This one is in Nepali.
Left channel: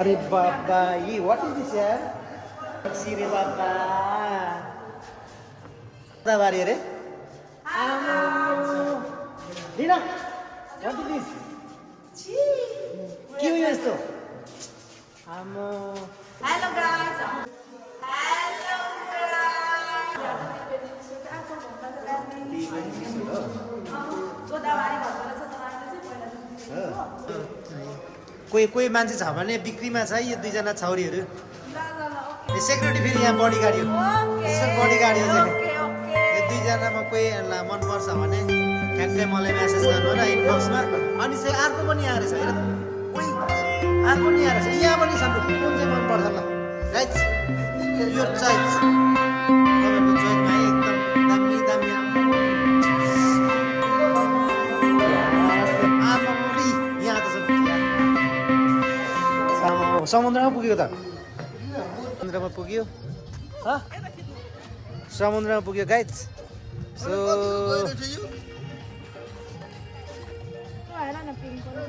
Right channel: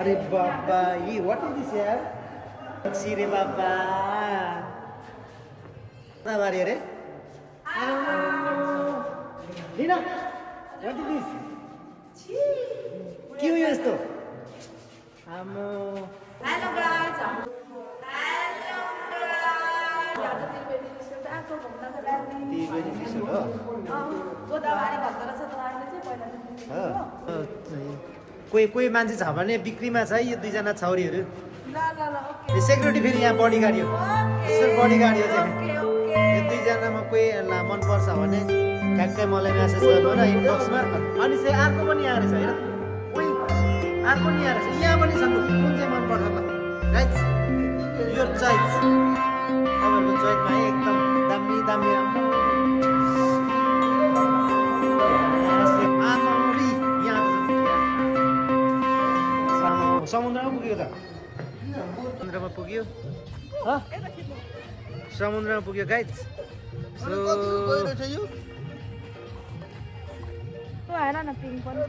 अरे बाबा ये व्हाट इज दिस यार टैक्सी रे बाबा कता बारी अरे दिना व्हाट इज दिस के हो यस्तो आमो Hello guys. आज त्रिवेणी आएको घुम्नको लागि गोदावरी भन्छ रहेछ त अहिले चाहिँ पहिला चाहिँ कोही कोही मान्छे छ भने बिक्रीमा छ है यो दुईजना छौरीहरू ल ल ल ओके सेक्युरिटी फेरि यहाँ बडीगार्ड यो यसको बडीगार्ड यो चाहिँ ओके यो दुईजनामा कोही मन पर्छ भने ठ्याक्कै मलाई मेसेज गर्नु ल इनबक्समा अनि चाहिँ अर्को पनि यहाँ रहेछ हेर ओइ अर्को नि यहाँ रहेछ यहाँ पनि छ कुन चाहिँ मन पर्छ त राइट यो चोइस तपाईँहरूको चोइसमा है एकदम दामी दामी आमाउरी यहाँ त छ समुद्रमा पुग्यो त समुद्रमा पुग्यो समुद्रमा पुग्यो गाइज सो त्यो हेर न पिङ्क पनि